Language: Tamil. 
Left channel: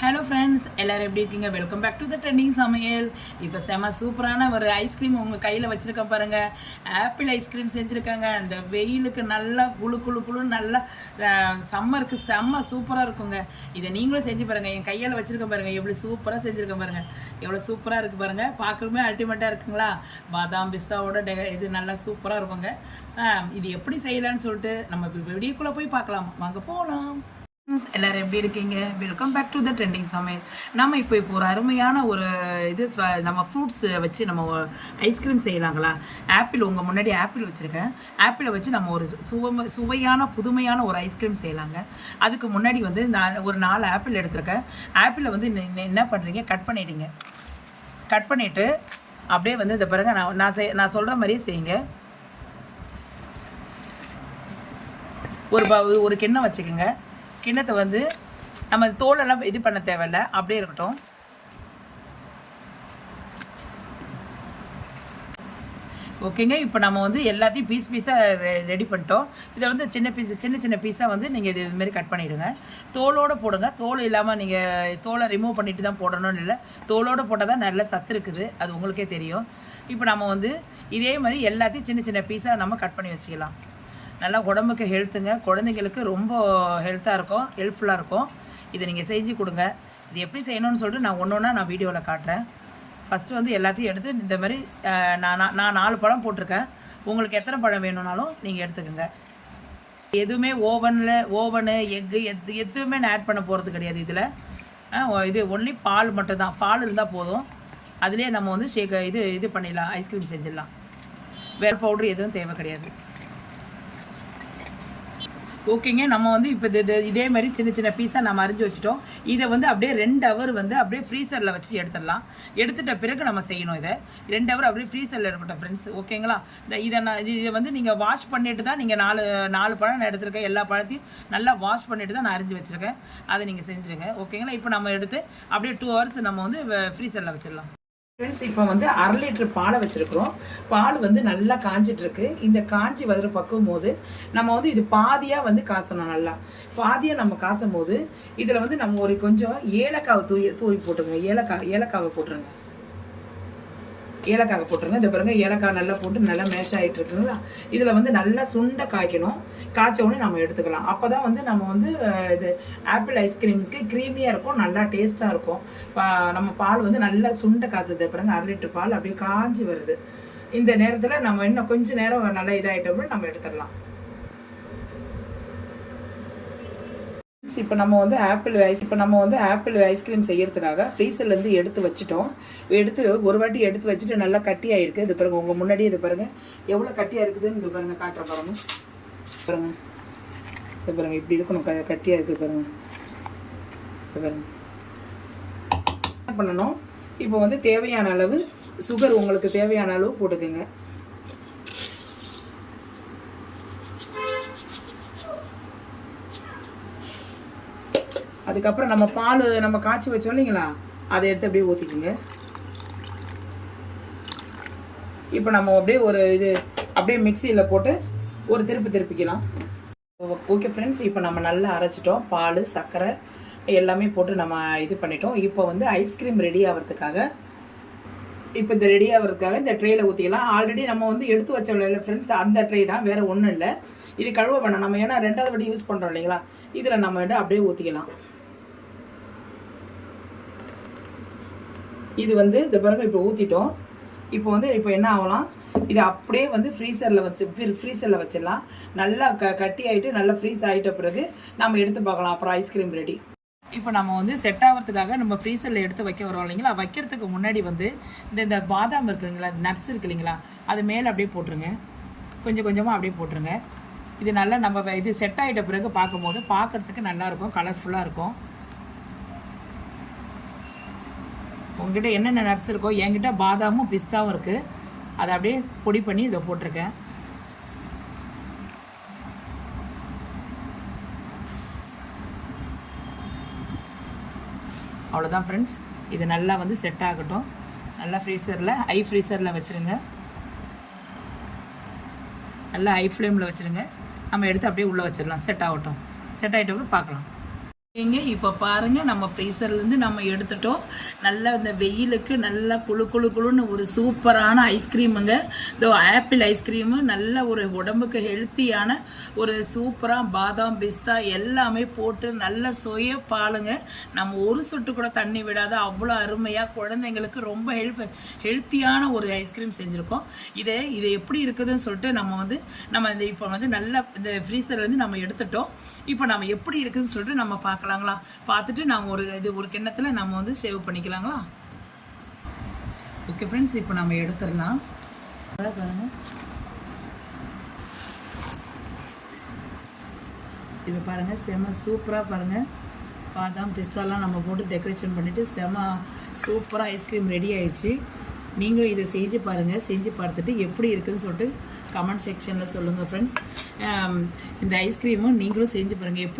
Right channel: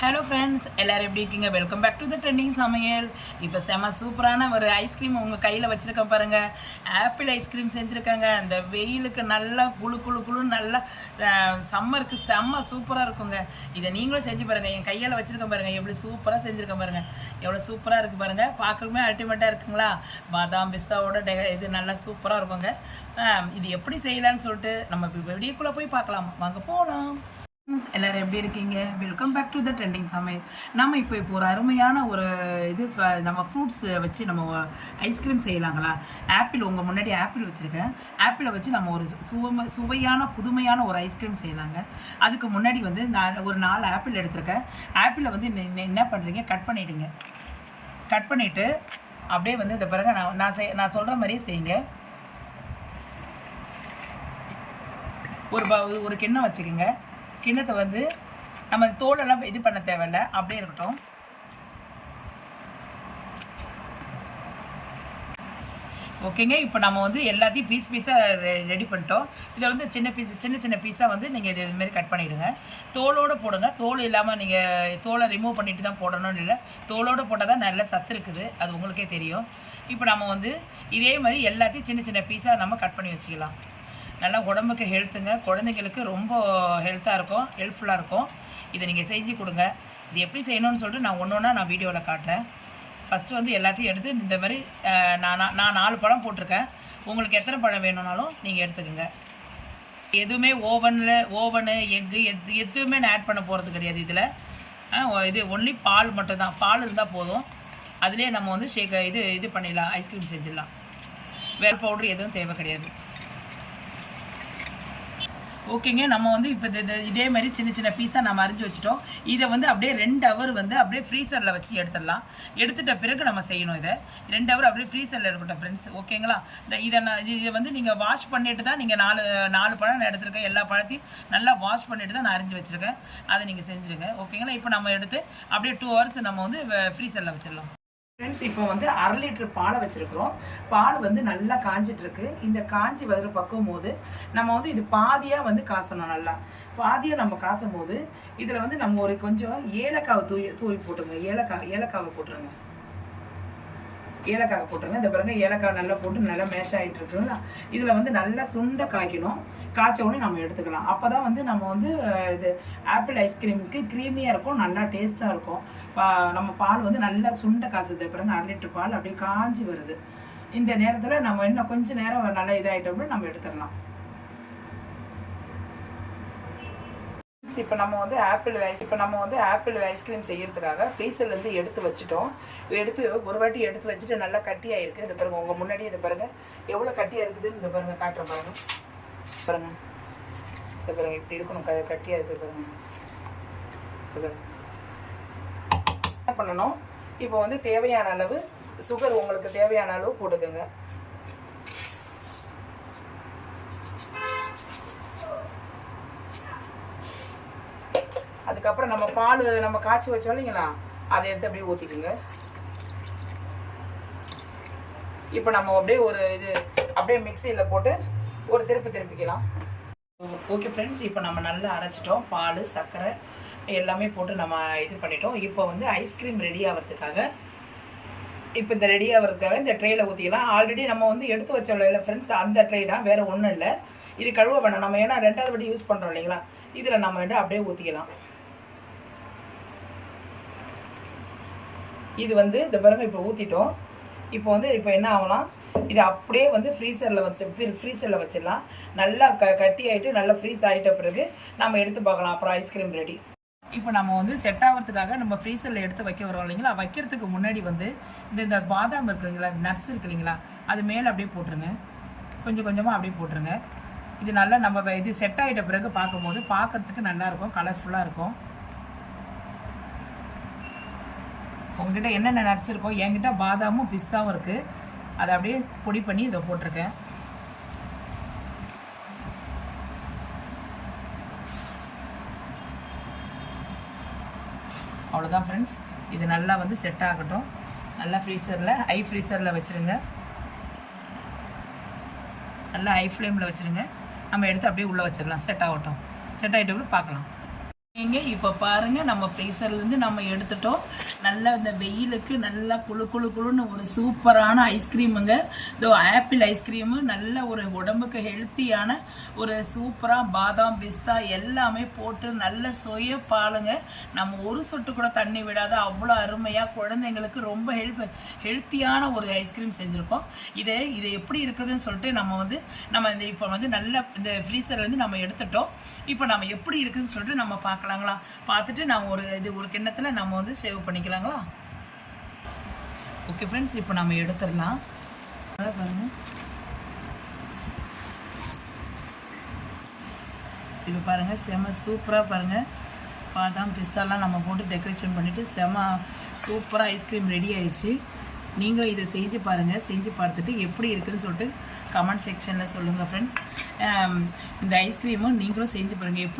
ஹலோ ஃப்ரெண்ட்ஸ், எல்லோரும் எப்படி இருக்கீங்க? Welcome back to the trending Samayal. இப்போ செம சூப்பரான ஒரு ஐஸ்கிரீம் உங்கள் கையில் வச்சுருக்கேன் பாருங்கள். ஆப்பிள் ஐஸ்கிரீம் செஞ்சுருக்காங்க. அந்த வெயிலுக்கு நல்லா குழு குழு குழுன்னு நல்லா சம்மருக்கு செம்ம சூப்பராக இருக்குங்க. இதை நீங்களும் செஞ்சு பாருங்கள். என் கையில் வச்சுருக்கேன் பாருங்கள், எப்படி சூப்பராக செஞ்சுருக்கேன் பாருங்கள். எவ்வளோ சூப்பராக இருக்குது பாருங்கள். பார்க்கவே அல்டிமேட்டாக இருக்குங்களா? பாதாம் பிஸ்தாவோட இது நல்லா சூப்பராக இருக்குங்க. இது எப்படி செய்யலான்னு சொல்லிட்டு நம்ம வீடியோக்குள்ளே போய் பார்க்கலாம். வாங்க போகலாம். எல்லோரும் எப்படி இருக்கீங்க? Welcome back to the trending Samayal. நம்ம இப்போ ஒரு அருமையான ஒரு நம்ம ஃப்ரூட்ஸ் வச்சு நம்ம ஐஸ்கிரீம் செய்யலாங்களா? ஆப்பிள் உங்கள் முன்னாடி ஆப்பிள் வச்சுருக்கேன். ஆப்பிளை வச்சு நம்ம ஒரு சுவையான புதுமையான ஒரு ஐஸ்கிரீம் செய்யலாங்க. அதுக்கு முன்னாடி வந்து நான் ஒரு 4 ஆப்பிள் எடுத்திருக்கேன். ஆப்பிளை வந்து என்ன பண்ணுறீங்க, கட் பண்ணிவிடுங்க. கட் பண்ணிவிட்டு அப்படியே வந்து இந்த பிறகு நான் சொல்கிற மாதிரியே செய்யுங்க. ஒரு கிண்ணம் வச்சுக்கோங்க. கிண்ணத்தை வந்து நம்ம தோலெல்லாம் இது பண்ண தேவையில்லை, அப்படியே இருக்கட்டும். ஓகேங்க. இப்போ நம்ம வந்து எல்லாத்தையும் பீஸாக ரெடி பண்ணிட்டோம். இதை வந்து சின்ன பீஸாக வந்து நீங்கள் இதுமாரி கட் பண்ணிவிடுங்க. தோலோடு போடுங்க. தோல் இல்லாமல் நீங்கள் தோலை ரிமூவ் பண்ணிவிட்டு தான் போடணும்னு இல்லை, தோலோடு போட்டால் தான் நல்ல சத்து இருக்குது, அது உங்களுக்கே தெரியும். இப்போ நம்ம வந்து இதே மாதிரி எல்லாத்தையும் சின்ன பீஸாக நம்ம கட் பண்ணி வச்சுக்கலாம். நல்லா உடம்புக்கு ஹெல்த்துங்க. குழந்தைங்களுக்கு ரொம்ப ஹெல்த்தாக இருக்கும், ஹெல்ப்ஃபுல்லாக இருக்கும். இதை நீங்கள் செஞ்சு கொடுங்க. இது எப்படி செய்யணும்னு சொல்லிட்டு நான் ஒன்றா நான் வீடியோவில் காட்டுறேன். ஃபஸ்ட்டு வந்து எல்லாத்தையும் எடுத்து இந்த மாதிரி நான் 4 பழம் போட்டிருக்கேன். உங்களுக்கு எத்தனை பழம் வேணும்னாலும் நீங்கள் எடுத்துக்கோங்க. எதுவுமே ஓவனு எக்கு எதுவுமே நான் ஆட் பண்ண போகிறது கிடையாது. இதில் இது ஒன்லி பால் மட்டும்தான். பால் இருந்தால் போதும். அதிலே நம்ம வந்து இது பண்ணிடலாம், ஐஸ்கிரீம் செஞ்சிடலாம். வேறு பவுட்ரு எதுவும் தேவை கிடையாது. ஓகேங்க. நம்ம வந்து இப்போ இதே மாதிரி சின்ன பீஸாக நம்ம அரிஞ்சு வச்சுட்டோம். இதை வந்து அப்படியே 2 ஹவர் வந்து அப்படியே ஃப்ரீசரில் வச்சு எடுத்துடலாம். எடுத்துட்ட பிறகு நம்ம செய்யணும். இதை 2 ஹவர் அப்படியே ஃப்ரீசரில் இருக்கட்டும் ஃப்ரெண்ட்ஸ், ஓகேங்களா? இதை வந்து நீங்கள் வாஷ் பண்ணிட்டு தான், நீங்கள் 4 பழம் நான் எடுத்துருக்கேன். எல்லா பழத்தையும் நல்லா வாஷ் பண்ணிட்டு தான் நான் அரிஞ்சு வச்சுருக்கேன். அதை நீங்கள் செஞ்சுருங்க, ஓகேங்களா? இப்போ நம்ம எடுத்து அப்படியே 2 ஹவர்ஸ் நம்ம வந்து ஃப்ரீசரில் வச்சிடலாம். ஃப்ரெண்ட்ஸ், இப்போ வந்து 1/2 லிட்டர் பாலை வச்சுருக்குறோம். பால் வந்து நல்லா காஞ்சிட்ருக்கு. இந்த காஞ்சி வர பக்கும் போது நம்ம வந்து இது பாதியாக வந்து காசணும். நல்லா பாதியாக நம்ம காசும் போது இதில் வந்து நம்ம ஒரு கொஞ்சம் ஏலக்காவை தூவி போட்டுருங்க. ஏலக்காவை போட்டுருங்க. ஏலக்காவை போட்டுருங்க. இந்த பாருங்க, ஏலக்காய் நல்லா போட்டு நல்லா மேஷ் ஆகிட்டு இருக்குங்களா? இதில் வந்து நல்லா சுண்டை காய்க்கணும். காய்ச்சோடனே நம்ம எடுத்துக்கலாம். அப்போ தான் வந்து நம்ம வந்து இது ஆப்பிள் ஐஸ்கிரீம்ஸ்க்கு க்ரீமியாக இருக்கும், நல்லா டேஸ்ட்டாக இருக்கும். நம்ம பால் வந்து நல்லா சுண்டை காய்ச்சது பாருங்க. 1/2 லிட்டர் பால் அப்படியே காஞ்சி வருது. இந்த நேரத்தில் நம்ம இன்னும் கொஞ்சம் நேரம் நல்லா இதாகிட்டோம்னா நம்ம எடுத்துடலாம். இப்போ நம்ம வந்து ஆப்பிள் ஐஸ்கிரீம் செய்யறதுக்காக ஃப்ரீசர்லேருந்து எடுத்து வச்சுட்டோம். ஒரு வாட்டி எடுத்து வச்சுட்டு நல்லா கட்டியாக இருக்குது. இது பாருங்கள், உங்கள் முன்னாடியே இது பாருங்கள் எவ்வளோ கட்டியாக இருக்குதுன்னு. இது பாருங்கள், காட்டுற பாருங்கள். இது பாருங்கள், இப்படி இருக்கணும், கட்டியாக இருக்குது பாருங்கள். இது பாருங்கள். என்ன பண்ணணும், இப்போ வந்து தேவையான அளவு சுகர், உங்களுக்கு தேவையான அளவு போட்டுக்கோங்க. அதுக்கப்புறம் நம்ம பால் நம்ம காய்ச்சி வச்சோம் இல்லைங்களா, அதை எடுத்து அப்படியே ஊற்றிக்குங்க. இப்போ நம்ம அப்படியே அப்படியே மிக்சியில் போட்டு ஒரு திருப்பிக்கலாம். ஓகே ஃப்ரெண்ட்ஸ், இப்போ நம்ம நல்லா அரைச்சிட்டோம். பால், சர்க்கரை எல்லாமே போட்டு நம்ம இது பண்ணிட்டோம். இப்போ வந்து ஐஸ்கிரீம் ரெடி ஆகிறதுக்காக இந்த ட்ரேயில் ஊற்றிக்கலாம். ஆல்ரெடி நம்ம வந்து எடுத்து வச்சோம் இல்லை ஃப்ரெண்ட்ஸ், அந்த ட்ரே தான், வேறு ஒன்றும் இல்லை. இது கழுவ வேணாம் நம்ம, ஏன்னா 2வது வாட்டி யூஸ் பண்ணுறோம் இல்லைங்களா? இதில் நம்ம அப்படியே ஊற்றிக்கலாம். இது வந்து இந்த பாருங்க, இப்போ ஊற்றிட்டோம். இப்போ என்ன ஆகலாம், இது அப்படியே வந்து ஃப்ரீசரில் வச்சிடலாம். நல்லா கட்டி ஆகிட்டு நல்லா ஃப்ரீஸ் ஆகிட்ட பிறகு நம்ம எடுத்து பார்க்கலாம். அப்புறம் ஐஸ்கிரீம் ரெடி. இப்போ நம்ம வந்து செட் ஆகிறதுக்காக நம்ம ஃப்ரீசரில் எடுத்து வைக்க வரோம் இல்லைங்களா? வைக்கிறதுக்கு முன்னாடி வந்து இந்த பாதாம் இருக்குங்களா, நட்ஸ் இருக்கு இல்லைங்களா, அது மேலே அப்படியே போட்டுருங்க. கொஞ்சமாக அப்படியே போட்டுருங்க. இது நல்லா நம்ம இது செட் ஆகிட்ட பிறகு பார்க்கும்போது பார்க்குறதுக்கு நல்லாயிருக்கும், கலர்ஃபுல்லாக இருக்கும். உங்ககிட்ட என்னென்ன நட்ஸ் இருக்கோ, என்கிட்ட பாதாமும் பிஸ்தாவும் இருக்குது. அதை அப்படியே பொடி பண்ணி இதை போட்டிருக்கேன். அவ்வளோதான் ஃப்ரெண்ட்ஸ். இது நல்லா வந்து செட் ஆகட்டும். நல்லா ஹை ஃப்ரீசரில் வச்சுருங்க. நல்லா ஹை ஃப்ளேமில் வச்சுருங்க. நம்ம எடுத்து அப்படியே உள்ளே வச்சிடலாம். செட் ஆகட்டும். செட் ஆகிட்டப்போ பார்க்கலாம். இப்போ பாருங்க நம்ம ஃப்ரீசர்லேருந்து நம்ம எடுத்துட்டோம். நல்லா இந்த வெயிலுக்கு நல்லா குளுன்னு ஒரு சூப்பரான ஐஸ்கிரீமுங்க. இதோ ஆப்பிள் ஐஸ்கிரீமு, நல்ல ஒரு உடம்புக்கு ஹெல்த்தியான ஒரு சூப்பராக பாதாம் பிஸ்தா எல்லாமே போட்டு நல்ல சொய பாலுங்க. நம்ம ஒரு சொட்டு கூட தண்ணி விடாத அவ்வளோ அருமையாக குழந்தைங்களுக்கு ரொம்ப ஹெல்த்தியான ஒரு ஐஸ்கிரீம் செஞ்சுருக்கோம். இது எப்படி இருக்குதுன்னு சொல்லிட்டு நம்ம இப்போ நல்லா இந்த ஃப்ரீசர்லேருந்து நம்ம எடுத்துட்டோம். இப்போ நம்ம எப்படி இருக்குதுன்னு சொல்லிட்டு நம்ம பார்க்கலாங்களா? பார்த்துட்டு நாங்கள் ஒரு கிண்ணத்தில் நம்ம சேவ் பண்ணிக்கலாங்களா? ஓகே ஃப்ரெண்ட்ஸ், இப்போ நம்ம எடுத்துடலாம். பாருங்க, இப்போ பாருங்கள் செம சூப்பராக பாருங்கள் பாதாம் பிஸ்தாலாம் நம்ம போட்டு டெக்கரேஷன் பண்ணிவிட்டு செம சூப்பராக ஐஸ்கிரீம் ரெடி ஆயிடுச்சு. நீங்களும் இதை செஞ்சு பாருங்கள். செஞ்சு பார்த்துட்டு எப்படி இருக்குதுன்னு சொல்லிட்டு கமெண்ட் செக்ஷனில் சொல்லுங்கள் ஃப்ரெண்ட்ஸ். இந்த ஐஸ்கிரீமும் நீங்களும் செஞ்சு பாருங்கள் எப்படி